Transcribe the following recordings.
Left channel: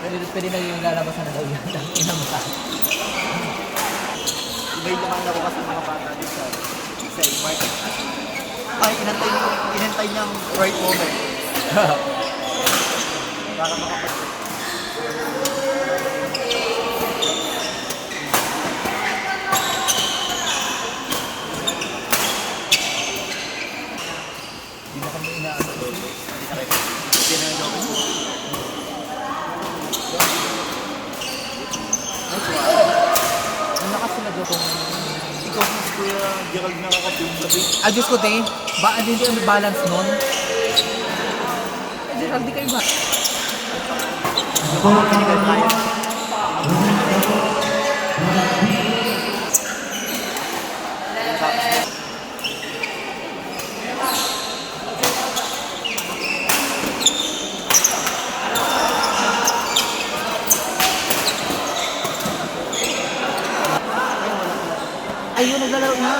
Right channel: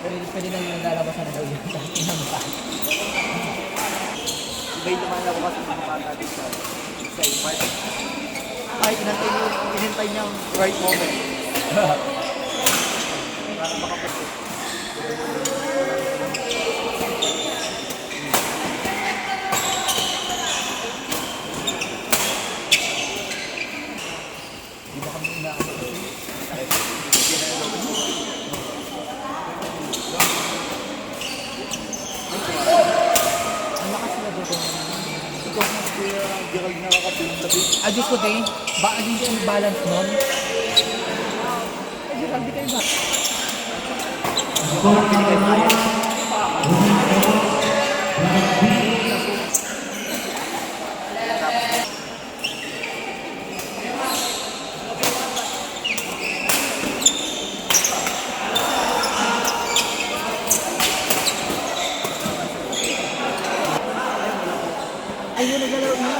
Pwede na yung lalabas na daw yan. Ibay naman na bukas ang mga bata din sa iba. Ay, inantay niyang right moment. Para makapagod. Hindi ba kami inaano? Ang lakas sila dyan kung... Ikaw kung Kuya Gerald nakakatulong sabi. Diyos ko tayo, hindi kayo balance nun? Gerald, di kayo ba? Ayun, naglalaro na.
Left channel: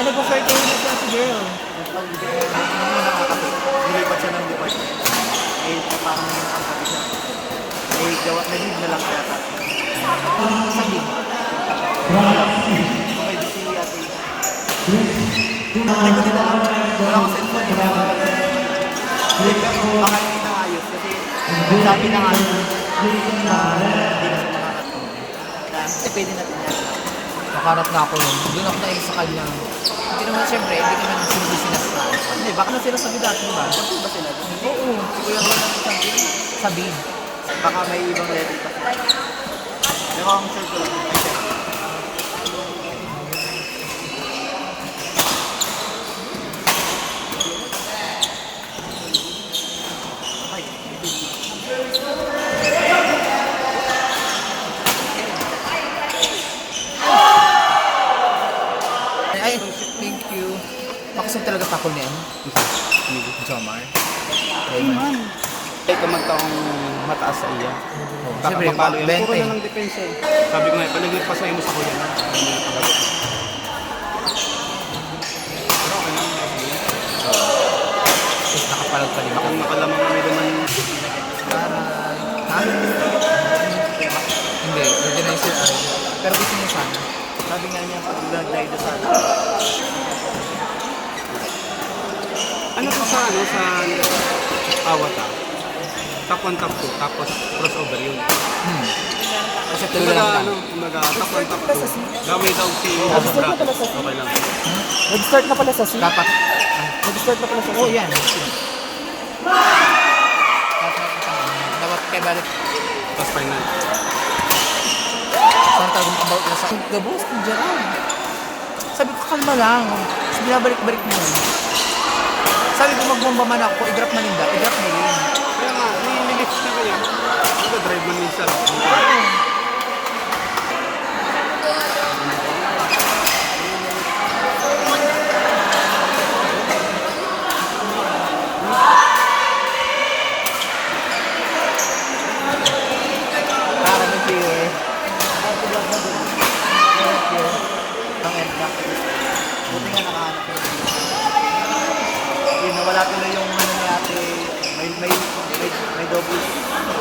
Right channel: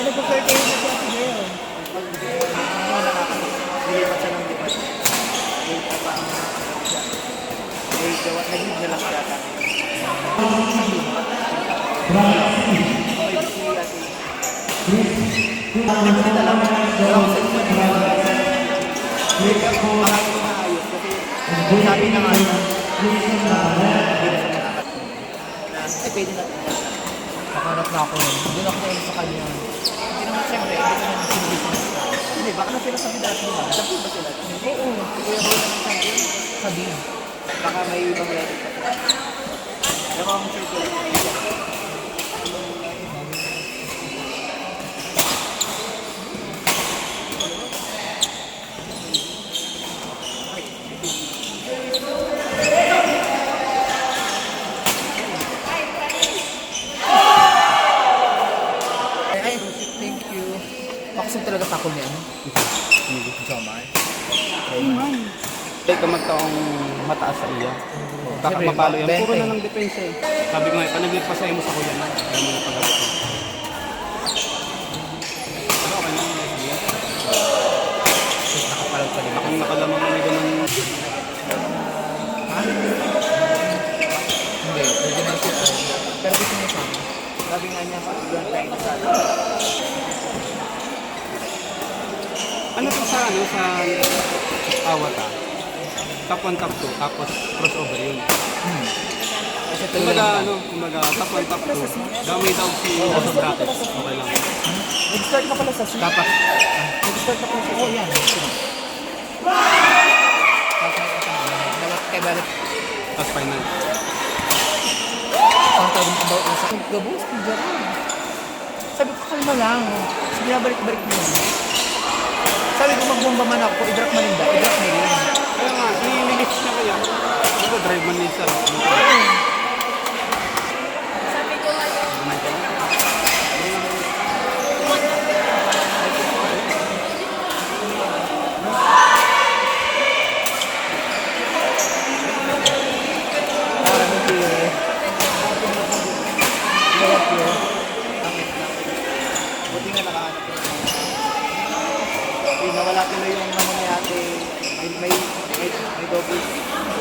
Ano po kayo kayo na siya si Girl? Nilipat siya ng department. Eh, paano niya nakapagod siya? Eh, gawa, nag-leave na lang kaya tayo. Okay, si ate. Hindi ko din alam. Walang cellphone. Hindi ka, baka hindi na ayos. Kasi, sabi na nga, hindi na siya nakakatulong. Eh, pwede natin. Nakarat na ako nun. Doon ako na sa kanya. Hindi naman siyempre, hindi ko naman yung business ka. Hindi, baka na sila sabi dati ba? Sabi ba sila? Oo. Sabi. Baka may ibang level pa. Pero ang sure ko, Ay, thank you. Pakasang talaga takol niya, ano? Jomar. Iman. Ay, kamagtaong mataas sa iya. Baka Siyempre, mapalo yan. Puro bente. na ng depensa eh. Sabi ko nga, panagip pa sa iyo sa kuya na. Hindi mo na pag-abot. Ano ako naman yung sige? Tapos nakapalag pa din ako. Bakang nakalamang ano naman. Ha? Hindi, original siya. Pero gusto niya sana. Sabi nga niya, bloodline na sa ano po sa ano sa Awata? Top 1, top 2, tapos crossover yun. Kasi Kumbaga top 1, top 2. Gamay daw si sa brackets. Okay lang. Nag-start na pala sa C. Dapat. Nag-start na pala sa C. Oh, yan. Dapat kaya balik. Tapos final. Parang tawag mo about sa gabos, Gerald. Sabi ko, kalma lang. Sige, balik-balik mo yan. Sabi ko, magbomba man ako, i-drop na rin ba? I-drop na rin. Kaya nga, may minutes na ko yan. Drive man yun siya. Nawala ko na yung ano ni ate, may double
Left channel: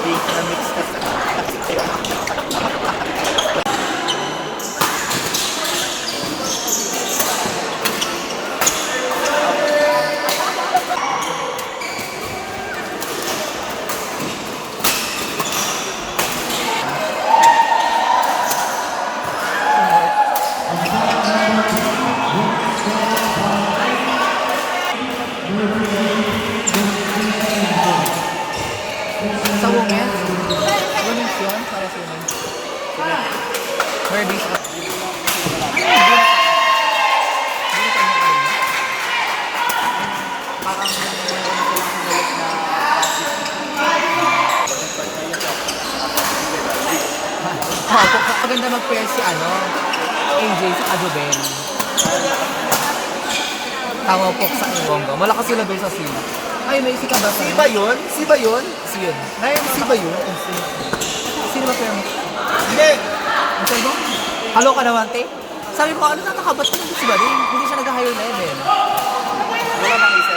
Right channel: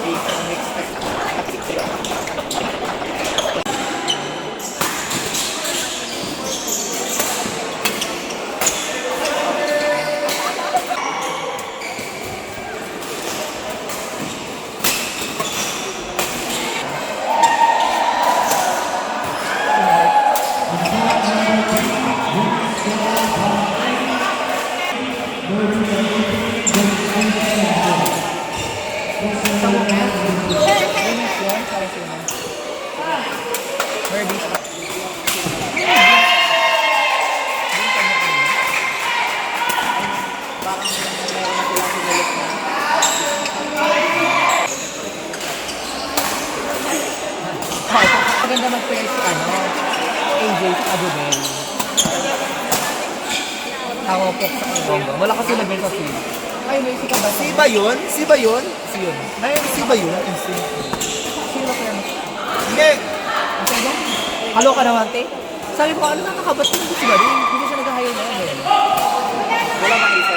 bake na mix Sa women, women's yun, para sa women. Herbies. Maganda mag-pair si AJ sa Adobel. Tawa po sa Ibonga. Wala kasi lagay sa C. Ay, may si ka ba? Si ba yun? Si ba yun? Si yun. Na-MC ba yun? Sino ba kaya? Hindi! Ang sabi mo? Halo ka naman, te? Sabi ko, ano nakakabat ko? Hindi si ba rin? Hindi siya nag-hire na yun. Wala na isa.